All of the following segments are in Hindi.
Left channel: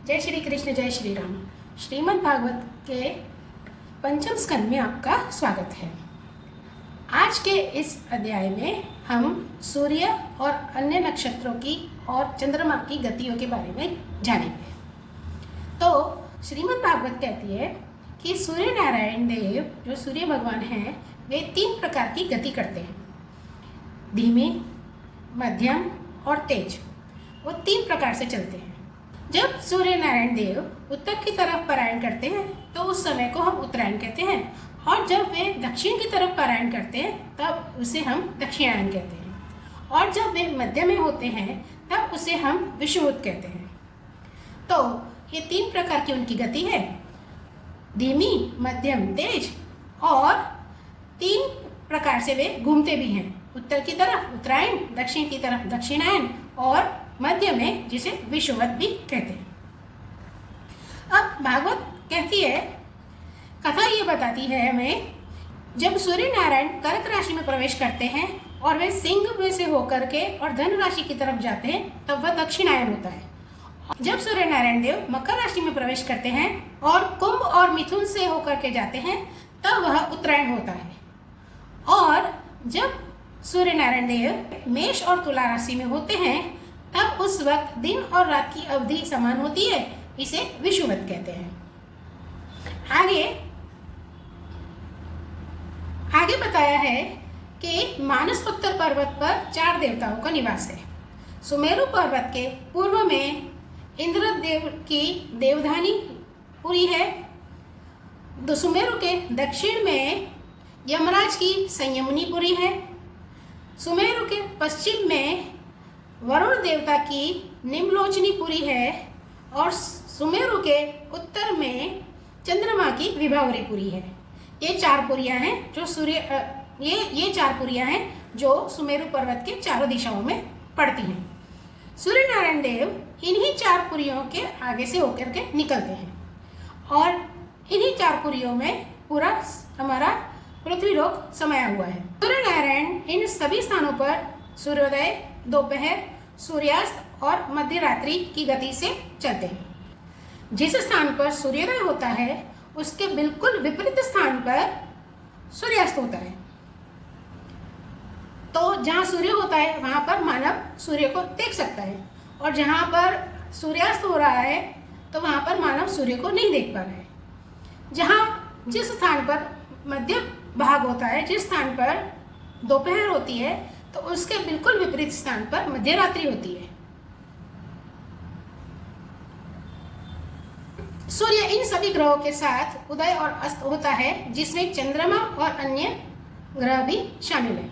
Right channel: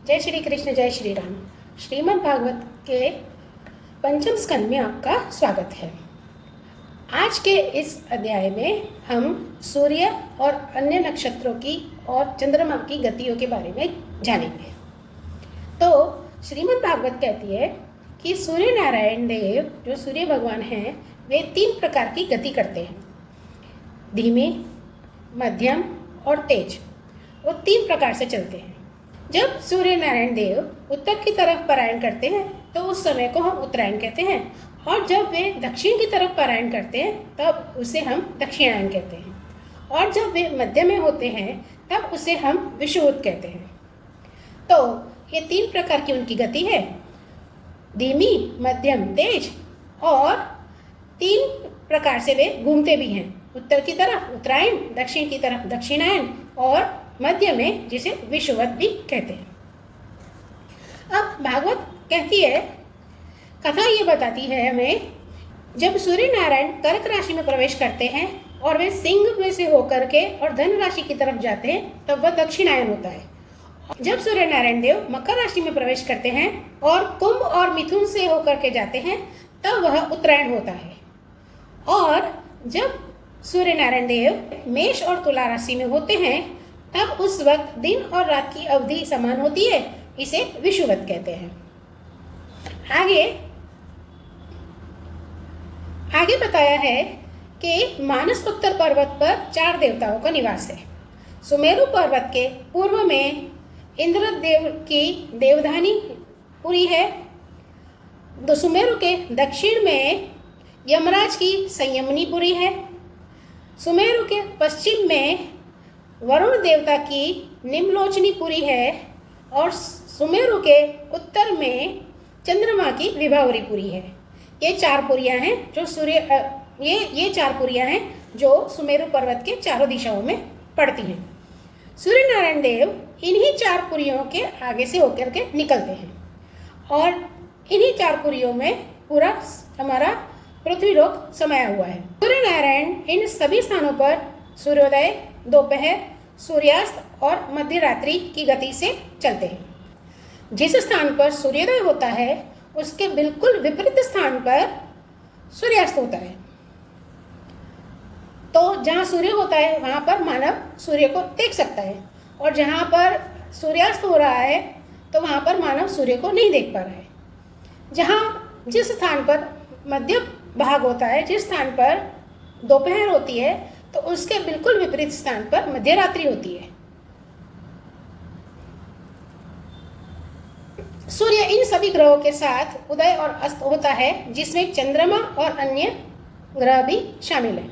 जय श्री कृष्ण, जय श्री राम। श्रीमद् भागवत के पंचम स्कंद में आपका स्वागत है। आज के इस अध्याय में हम सूर्य और अन्य नक्षत्रों की और चंद्रमा की गतियों के बारे में जानेंगे। तो श्रीमद् भागवत कहती है कि सूर्य नारायण देव जो सूर्य भगवान हैं वे 3 प्रकार की गति करते हैं, धीमी, मध्यम और तेज। वो 3 प्रकार से चलते हैं। जब सूर्य नारायण देव उत्तर की तरफ पलायन करते हैं तो उस समय को हम उत्तरायण कहते हैं, और जब वे दक्षिण की तरफ पलायन करते हैं तब उसे हम दक्षिणायन कहते हैं, और जब वे मध्य में होते हैं तब उसे हम विषुवत कहते हैं। तो ये 3 प्रकार की उनकी गति है, धीमी, मध्यम, तेज, और 3 प्रकार से वे घूमते भी हैं, उत्तर की तरफ उत्तरायण, दक्षिण की तरफ दक्षिणायन और मध्य में जिसे विषुवत भी कहते हैं। अब भागवत कहती है, कथा ये बताती है हमें, जब सूर्य नारायण कर्क राशि में प्रवेश करते हैं और वे सिंह में से होकर के और धन राशि की तरफ जाते हैं तब वह दक्षिणायन होता है। जब सूर्य नारायण देव मकर राशि में प्रवेश करते हैं और कुंभ और मिथुन से होकर के जाते हैं तब वह उत्तरायण होता है। और जब सूर्य नारायण देव मेष और तुला राशि में होते हैं तब उस वक्त दिन और रात की अवधि समान होती है, इसे विषुवत कहते हैं। आगे बताया है कि मानस उत्तर पर्वत पर 4 देवताओं का निवास है। सुमेरु पर्वत के पूर्व में इंद्रदेव की देवधानी पुरी है। सुमेरु के दक्षिण में यमराज की संयमनी पुरी है। सुमेरु के पश्चिम में वरुण देवता की निम्नलोचनी पुरी है, और सुमेरु के उत्तर में चंद्रमा की विभावरी पुरी है। ये 4 पुरियां हैं जो ये 4 पुरियां हैं जो सुमेरु पर्वत के चारों दिशाओं में पड़ती हैं। सूर्य नारायण देव इन्हीं 4 पुरियों के आगे से होकर के निकलते हैं, और इन्हीं 4 पुरियों में पूरा हमारा पृथ्वी लोक समाया हुआ है। सूर्य नारायण इन सभी स्थानों पर सूर्योदय, दोपहर, सूर्यास्त और मध्य रात्रि की गति से चलते हैं। जिस स्थान पर सूर्योदय होता है उसके बिल्कुल विपरीत स्थान पर सूर्यास्त होता है। तो जहाँ सूर्य होता है वहाँ पर मानव सूर्य को देख सकता है, और जहाँ पर सूर्यास्त हो रहा है तो वहाँ पर मानव सूर्य को नहीं देख पा रहा है। जिस स्थान पर मध्य भाग होता है, जिस स्थान पर दोपहर होती है, तो उसके बिल्कुल विपरीत स्थान पर मध्य रात्रि होती है। सूर्य इन सभी ग्रहों के साथ उदय और अस्त होता है, जिसमें चंद्रमा और अन्य ग्रह भी शामिल है।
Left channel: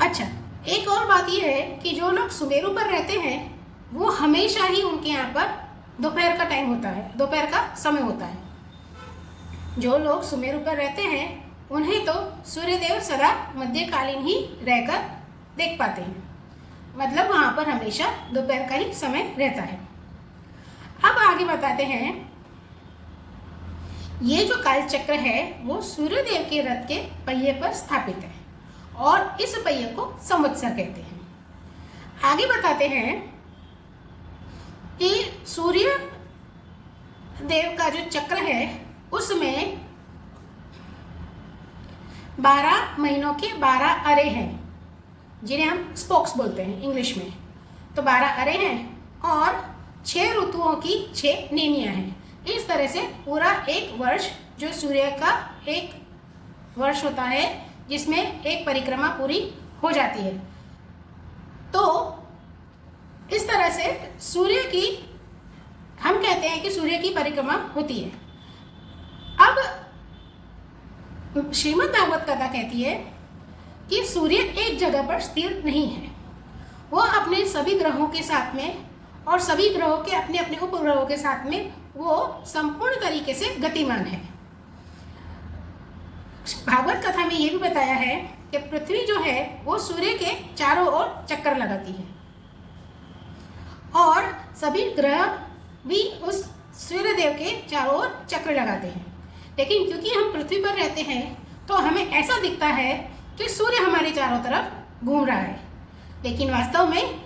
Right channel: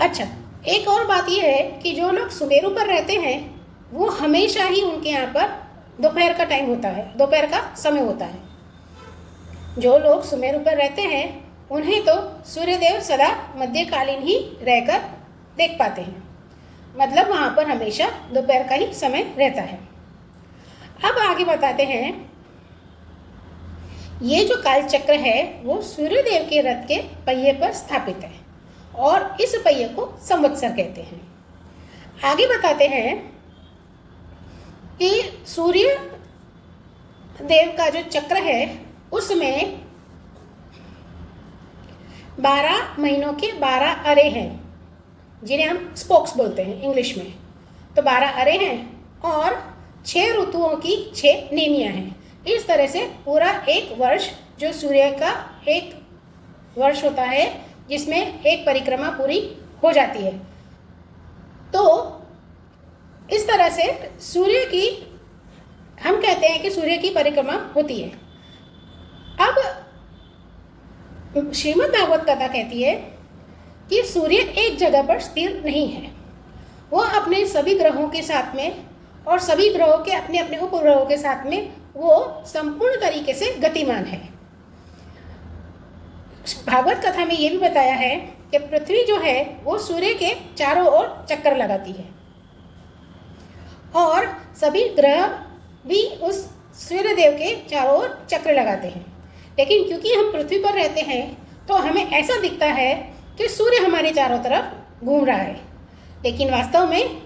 अच्छा, एक और बात यह है कि जो लोग सुमेरु पर रहते हैं वो हमेशा ही उनके यहाँ पर दोपहर का टाइम होता है, दोपहर का समय होता है। जो लोग सुमेरु पर रहते हैं उन्हें तो सूर्यदेव सदा मध्यकालीन ही रहकर देख पाते हैं, मतलब वहाँ पर हमेशा दोपहर का ही समय रहता है। अब आगे बताते हैं, ये जो काल चक्र है वो सूर्यदेव के रथ के पहिए पर स्थापित है, और इस पहिए को संवत्सर कहते हैं। आगे बताते हैं कि सूर्य देव का जो चक्र है उसमें 12 महीनों के 12 अरे हैं, जिन्हें हम स्पोक्स बोलते हैं इंग्लिश में। तो 12 अरे हैं और 6 ऋतुओं की 6 नेमियां हैं। इस तरह से पूरा एक वर्ष, जो सूर्य का एक वर्ष होता है जिसमें एक परिक्रमा पूरी हो जाती है, तो इस तरह से सूर्य की, हम कहते हैं कि सूर्य की परिक्रमा होती है। अब श्रीमद् भागवत कथा कहती है कि सूर्य एक जगह पर स्थिर नहीं है, वो अपने सभी ग्रहों के साथ में और सभी ग्रहों के अपने अपने उपग्रहों के साथ में वो संपूर्ण तरीके से गतिमान है। भागवत कथा में ये भी बताया है कि पृथ्वी जो है वो सूर्य के चारों ओर चक्कर लगाती है, और सभी ग्रह भी उस सूर्यदेव के चारों ओर चक्र लगाते हैं। लेकिन क्योंकि हम पृथ्वी पर रहते हैं तो हमें ऐसा दिखता है कि सूर्य हमारे चारों तरफ घूम रहा है, लेकिन वास्तव में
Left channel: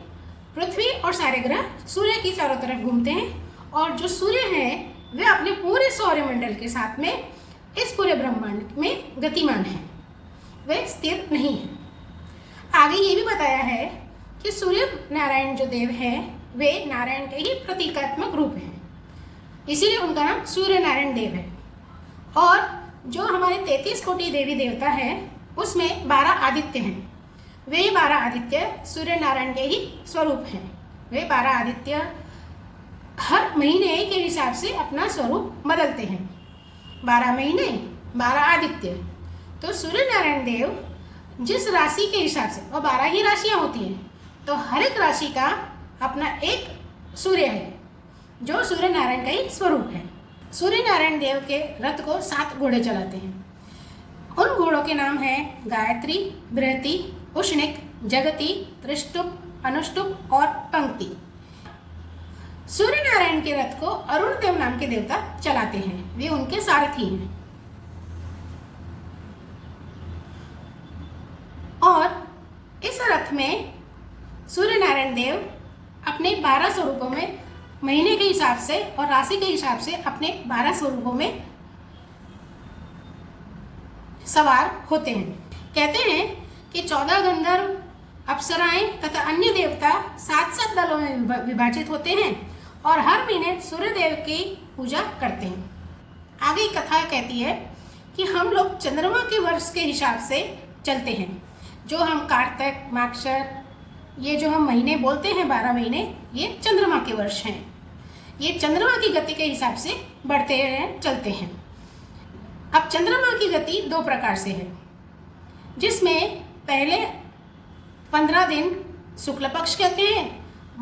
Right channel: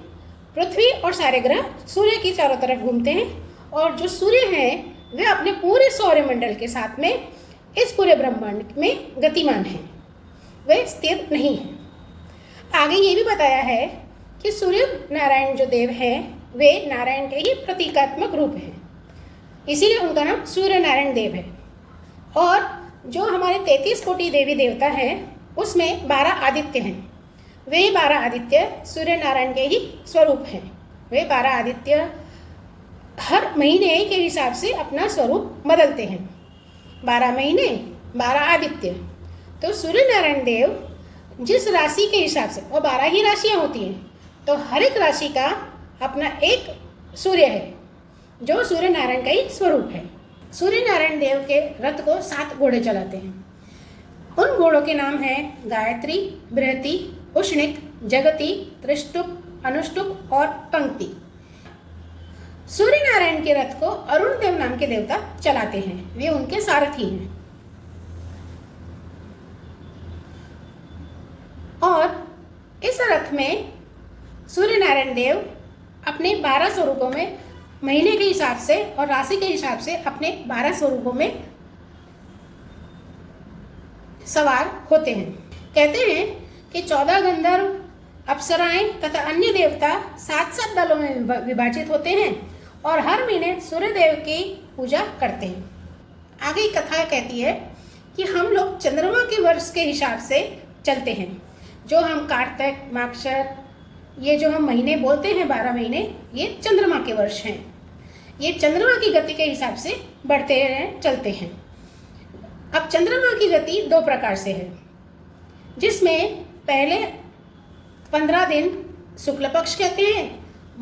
पृथ्वी और सारे ग्रह सूर्य की चारों तरफ घूमते हैं और जो सूर्य हैं वे अपने पूरे सौरमंडल के साथ में इस पूरे ब्रह्मांड में गतिमान हैं, वे स्थिर नहीं हैं। आगे ये भी बताया है कि सूर्य नारायण जो देव हैं वे नारायण के ही प्रतीकात्मक रूप हैं, इसीलिए उनका नाम सूर्य नारायण देव है। और जो हमारे 33 कोटि देवी देवता हैं उसमें 12 आदित्य हैं, वे 12 आदित्य सूर्य नारायण के ही स्वरूप हैं। वे 12 आदित्य हर महीने के हिसाब से अपना स्वरूप बदलते हैं। 12 महीने 12 आदित्य। तो सूर्य नारायण देव जिस राशि के हिसाब से, और 12 ही राशियाँ होती हैं, तो हर एक राशि का अपना एक सूर्य है जो सूर्य नारायण का ही स्वरूप है। सूर्य नारायण देव के रथ को 7 घोड़े चलाते हैं। उन घोड़ों के नाम हैं गायत्री, बृहति, उष्णिक, जगति, त्रिष्टुप, अनुष्टुप और पंक्ति। सूर्य नारायण के रथ को अरुण देव नाम के देवता चलाते हैं, वे उनके सारथी हैं। और इस रथ में सूर्य नारायण देव अपने 12 स्वरूपों में महीने के हिसाब से और राशि के हिसाब से अपने 12 स्वरूपों में सवार होते हैं। कहते हैं कि 14 गंधर्व, अप्सराएं तथा अन्य देवता 7-7 दलों में विभाजित होते हैं और हर महीने सूर्य देव की पूजा करते हैं। आगे कथा कहती है कि हम लोग चंद्रमा के वर्ष के हिसाब से चलते हैं। जो हम कार्तिक, माक्षर, ये जो हम महीने बोलते हैं 12 महीने, ये चंद्रमा के वर्ष हैं। ये चंद्रमा की गति के हिसाब से बढ़ते हैं, चलते हैं। अब चंद्रमा की गति 2 प्रकार से है, जिसमें पहले 15 दिन शुक्ल पक्ष कहते हैं,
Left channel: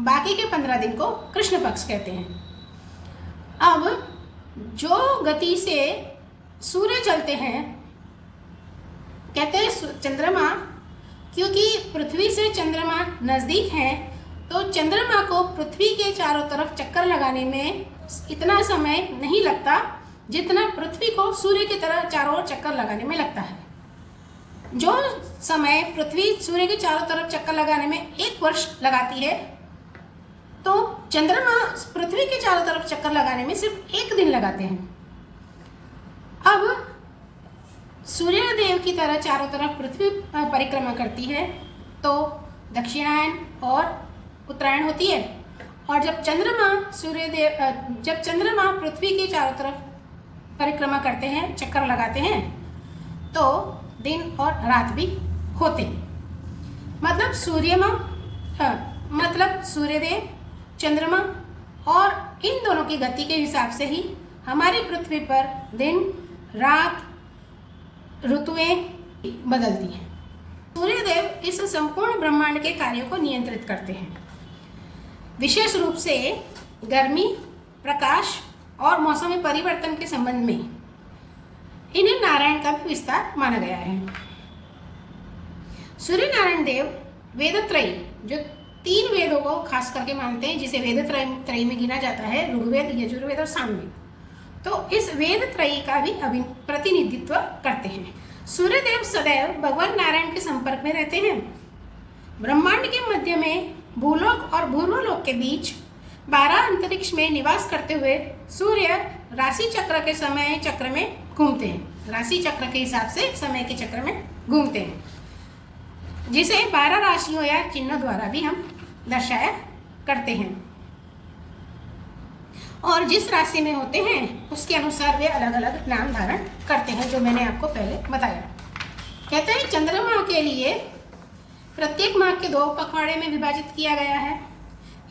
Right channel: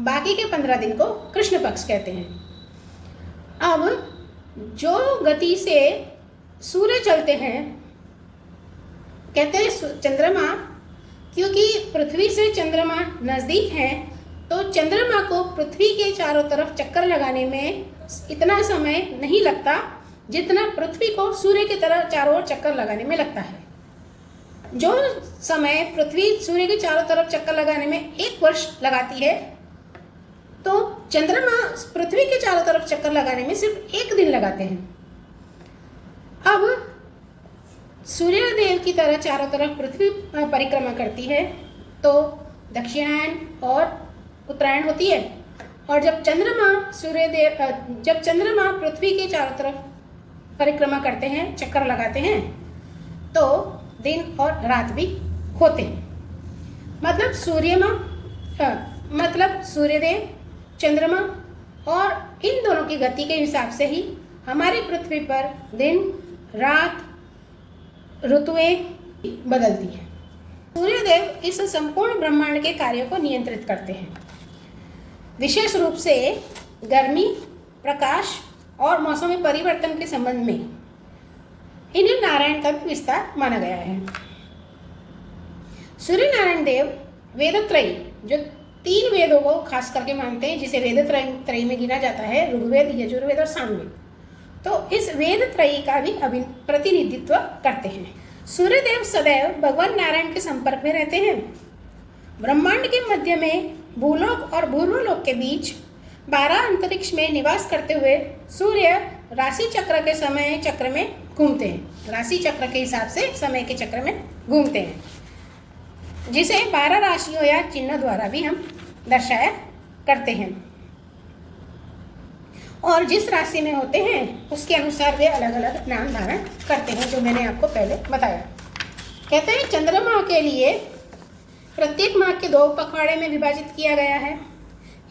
बाकी के 15 दिन को कृष्ण पक्ष कहते हैं। अब जो गति से सूर्य चलते हैं, कहते हैं चंद्रमा, क्योंकि पृथ्वी से चंद्रमा नज़दीक हैं, तो चंद्रमा को पृथ्वी के चारों तरफ चक्कर लगाने में इतना समय नहीं लगता जितना पृथ्वी को सूर्य की तरह चारों ओर चक्कर लगाने में लगता है। जो समय पृथ्वी सूर्य के चारों तरफ चक्कर लगाने में 1 वर्ष लगाती है, तो चंद्रमा पृथ्वी के चारों तरफ चक्कर लगाने में सिर्फ 1 दिन लगाते हैं। अब सूर्य देव की तरह चारों तरफ पृथ्वी परिक्रमा करती है, तो दक्षिणायन और उत्तरायण होती है। और जब चंद्रमा पृथ्वी के चारों तरफ परिक्रमा करते हैं, चक्कर लगाते हैं, तो दिन और रात भी होते हैं। मतलब सूर्यदेव, चंद्रमा और इन दोनों की गति के हिसाब से ही हमारी पृथ्वी पर दिन, रात, ऋतुएं बदलती हैं। सूर्यदेव इस संपूर्ण ब्रह्मांड के कार्यों को नियंत्रित करते हैं, विशेष रूप से गर्मी, प्रकाश और मौसमी परिवर्तन के संबंध में इन्हें नारायण का भी विस्तार माना गया है। सूर्य नारायण देव वेदत्रयी, जो 3 वेदों को खास करके मानते हैं, जिसे वेदत्रयी में गिना जाता है, ऋग्वेद, यजुर्वेद और सामवेद, तो इस वेदत्रयी का भी प्रतिनिधित्व करते हैं। सूर्यदेव सदैव भगवान नारायण के संपर्क में रहते हैं। ब्रह्मांड के मध्य में भूलोक और भूर्वलोक के बीच 12 अंतरिक्ष में निवास करते हुए सूर्य राशि चक्र के समय चक्र में घूमते हैं। राशि चक्र के हिसाब से समय के चक्र में घूमते हैं, जिसे 12 राशियों या चिन्हों द्वारा भी हम दर्शाया करते हैं। और जिस राशि में होते हैं उसके अनुसार वे अलग अलग नाम धारण करते हैं, जो मैंने आपको पहले बताया। कहते हैं चंद्रमा के लिए प्रत्येक माह के 2 पखवाड़े में विभाजित किया गया है।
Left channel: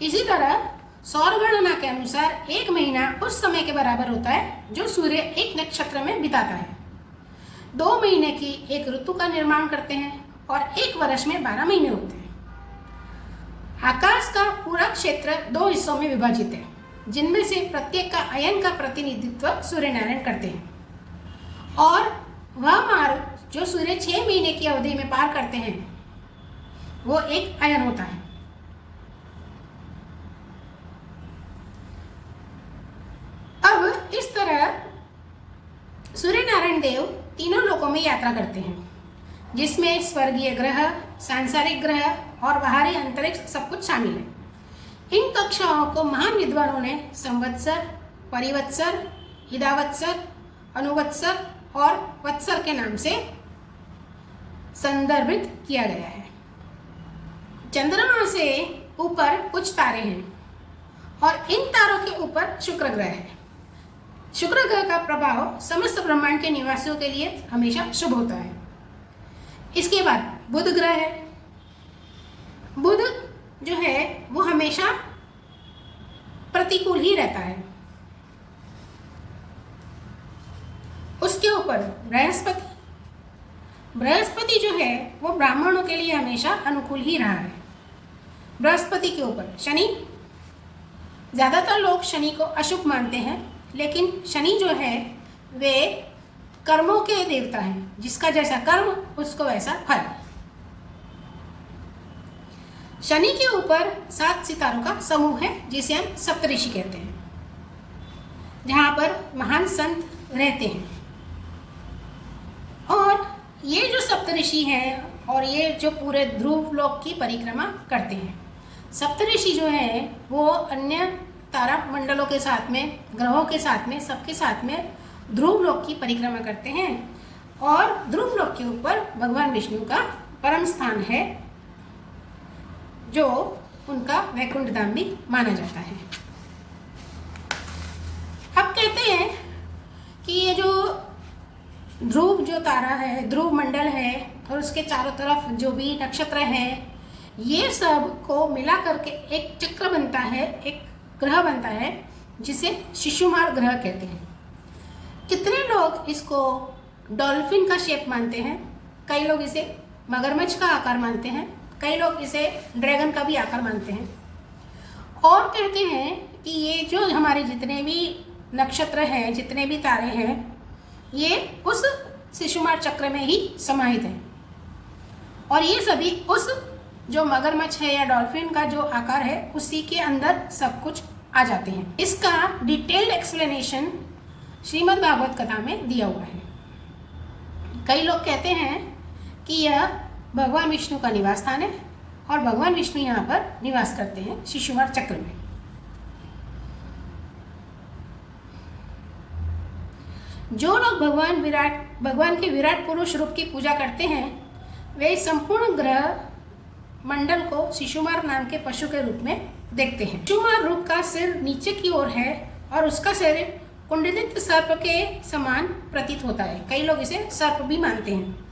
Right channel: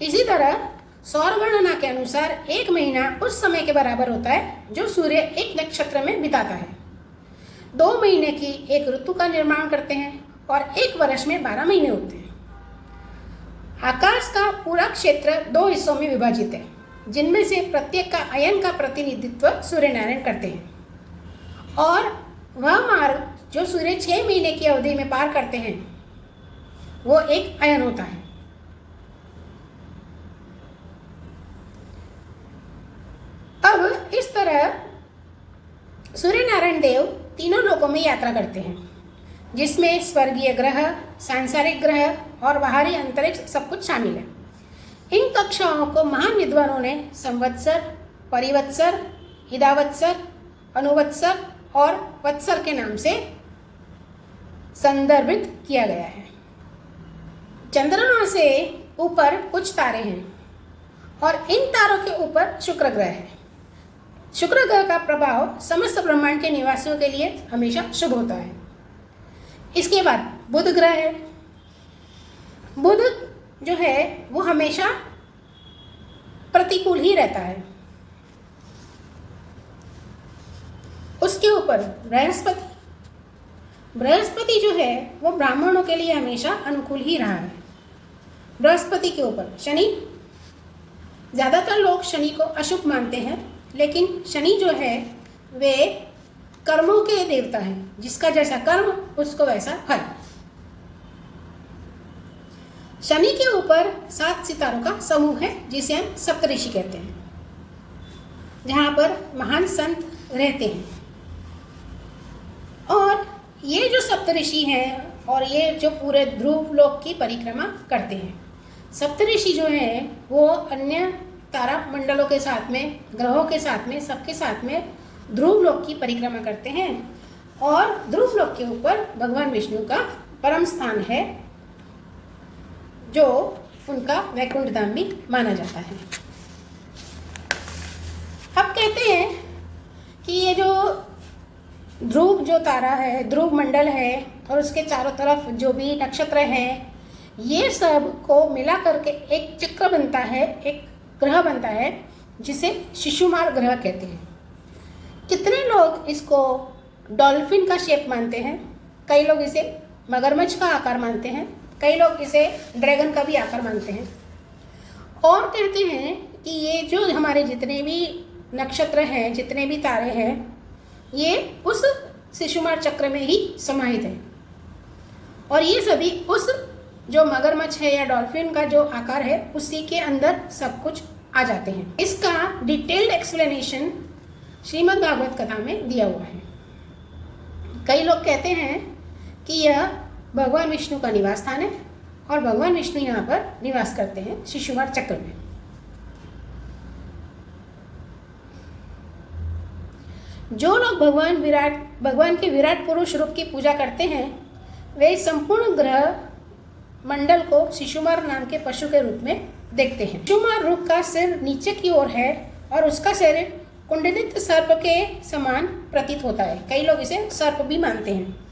इसी तरह सौर गणना के अनुसार 1 महीना उस समय के बराबर होता है जो सूर्य एक नक्षत्र में बिताता है। 2 महीने की एक ऋतु का निर्माण करते हैं और 1 वर्ष में 12 महीने होते हैं। आकाश का पूरा क्षेत्र 2 हिस्सों में विभाजित है, जिनमें से प्रत्येक का अयन का प्रतिनिधित्व सूर्य नारायण करते हैं। और वह मार्ग जो सूर्य 6 महीने की अवधि में पार करते हैं, वो एक अयन होता है। अब इस तरह सूर्य नारायण देव तीनों लोकों में यात्रा करते हैं, जिसमें स्वर्गीय ग्रह, सांसारिक ग्रह और बाहरी अंतरिक्ष सब कुछ शामिल है। इन कक्षाओं को महान विद्वानों ने संवत्सर, परिवत्सर, इदावत्सर, अनुवत्सर और वत्सर के नाम से संदर्भित किया गया है। चंद्रमा से ऊपर कुछ तारे हैं और इन तारों के ऊपर शुक्र ग्रह है। शुक्र ग्रह का प्रभाव समस्त ब्रह्मांड के निवासियों के लिए हमेशा शुभ होता है। इसके बाद बुध ग्रह है। बुध जो है वो हमेशा प्रतिकूल ही रहता है। उसके ऊपर बृहस्पति जो है वो ब्राह्मणों के लिए हमेशा अनुकूल ही रहा है। बृहस्पति के ऊपर शनि, ज़्यादातर लोग शनि को अशुभ मानते हैं, लेकिन शनि जो है वे कर्मों के देवता हैं। जिसका जैसा कर्म उसको वैसा फल। शनि के ऊपर 7 सितारों का समूह है जिसे हम सप्तऋषि कहते हैं, जहाँ पर महान संत रहते हैं। और ये जो सप्तऋषि हैं और ये जो पूरे ध्रुव लोक की परिक्रमा करते हैं। सप्तऋषि जो है वो अन्य तारा मंडलों के साथ में, ग्रहों के साथ में, सबके साथ में ध्रुव लोक की परिक्रमा करते हैं। और ध्रुव लोक के ऊपर भगवान विष्णु का परम स्थान है, जो उनका वैकुंठ धाम भी माना जाता है। अब कहते हैं कि ये जो ध्रुव जो तारा है, ध्रुव मंडल है और उसके चारों तरफ जो भी नक्षत्र हैं, ये सब को मिला करके एक चक्र बनता है, एक ग्रह बनता है जिसे शिशुमार ग्रह कहते हैं। कितने लोग इसको डॉल्फिन का शेप मानते हैं, कई लोग इसे मगरमच्छ का आकार मानते हैं, कई लोग इसे ड्रैगन का भी आकार मानते हैं। और कहते हैं कि ये जो हमारे जितने भी नक्षत्र हैं, जितने भी तारे हैं, ये उस शिशुमार चक्र में ही समाहित हैं। और ये सभी उस जो मगरमच्छ है या डॉल्फिन का जो आकार है उसी के अंदर सब कुछ आ जाते हैं। इसका डिटेल्ड एक्सप्लेनेशन श्रीमद् भागवत कथा में दिया हुआ है। कई लोग कहते हैं कि यह भगवान विष्णु का निवास स्थान है और भगवान विष्णु यहाँ पर निवास करते हैं शिशुमार चक्र में। जो लोग भगवान के विराट पुरुष रूप की पूजा करते हैं, वे संपूर्ण ग्रह मंडल को शिशुमार नाम के पशु के रूप में देखते हैं। शिशुमार रूप का सिर नीचे की ओर है और उसका शरीर कुंडलित सर्प के समान प्रतीत होता है। कई लोग इसे सर्प भी मानते हैं।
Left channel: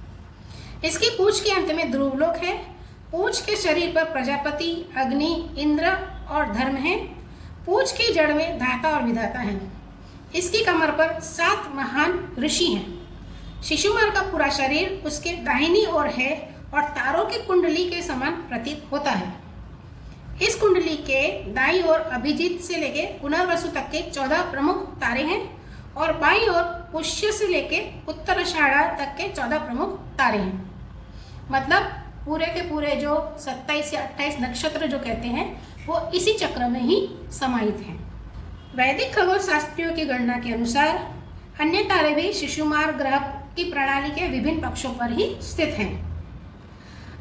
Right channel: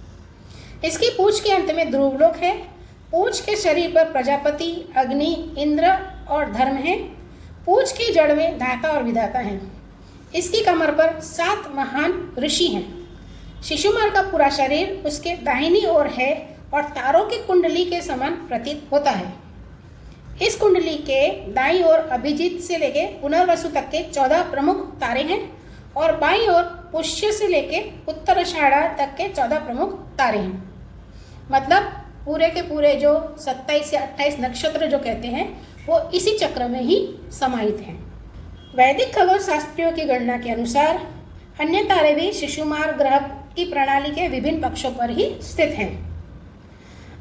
इसकी पूंछ के अंत में ध्रुवलोक है। पूंछ के शरीर पर प्रजापति, अग्नि, इंद्र और धर्म है। पूंछ की जड़ में धाता और विधाता है। इसकी कमर पर 7 महान ऋषि हैं। शिशुमार का पूरा शरीर उसके दाहिनी ओर है और तारों की कुंडली के समान प्रतीत होता है। इस कुंडली के दाईं ओर अभिजीत से लेके पुनर्वसु तक के 14 प्रमुख तारे हैं और बाईं ओर पुष्य से लेके उत्तराषाढ़ा तक के 14 प्रमुख तारे हैं। मतलब पूरे के पूरे जो 27 या 28 नक्षत्र जो कहते हैं वो इसी चक्र में ही समाहित हैं। वैदिक खगोल शास्त्रियों की गणना के अनुसार अन्य तारे भी शिशुमार ग्रह की प्रणाली के विभिन्न पक्षों पर ही स्थित हैं।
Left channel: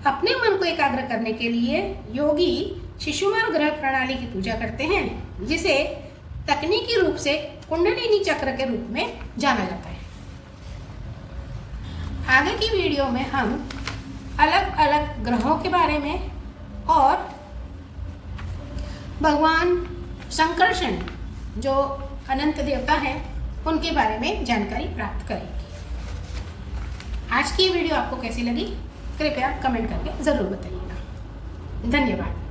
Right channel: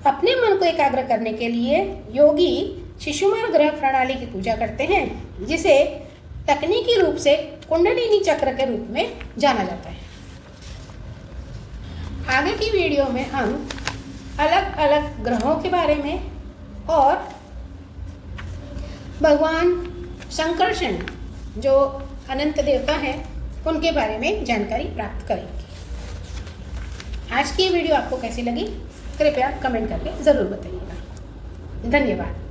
अपने मन को एकाग्र करने के लिए योगी शिशुमार ग्रह प्रणाली की पूजा करते हैं, जिसे तकनीकी रूप से कुंडलिनी चक्र के रूप में जाना जाता है। आगे की वीडियो में हम अलग अलग ग्रहों के बारे में और भगवान संकर्षण जो अनंत देवता हैं उनके बारे में जानकारी प्राप्त करेंगे। आज की वीडियो आपको कैसी लगी कृपया कमेंट करके ज़रूर बताइएगा। धन्यवाद।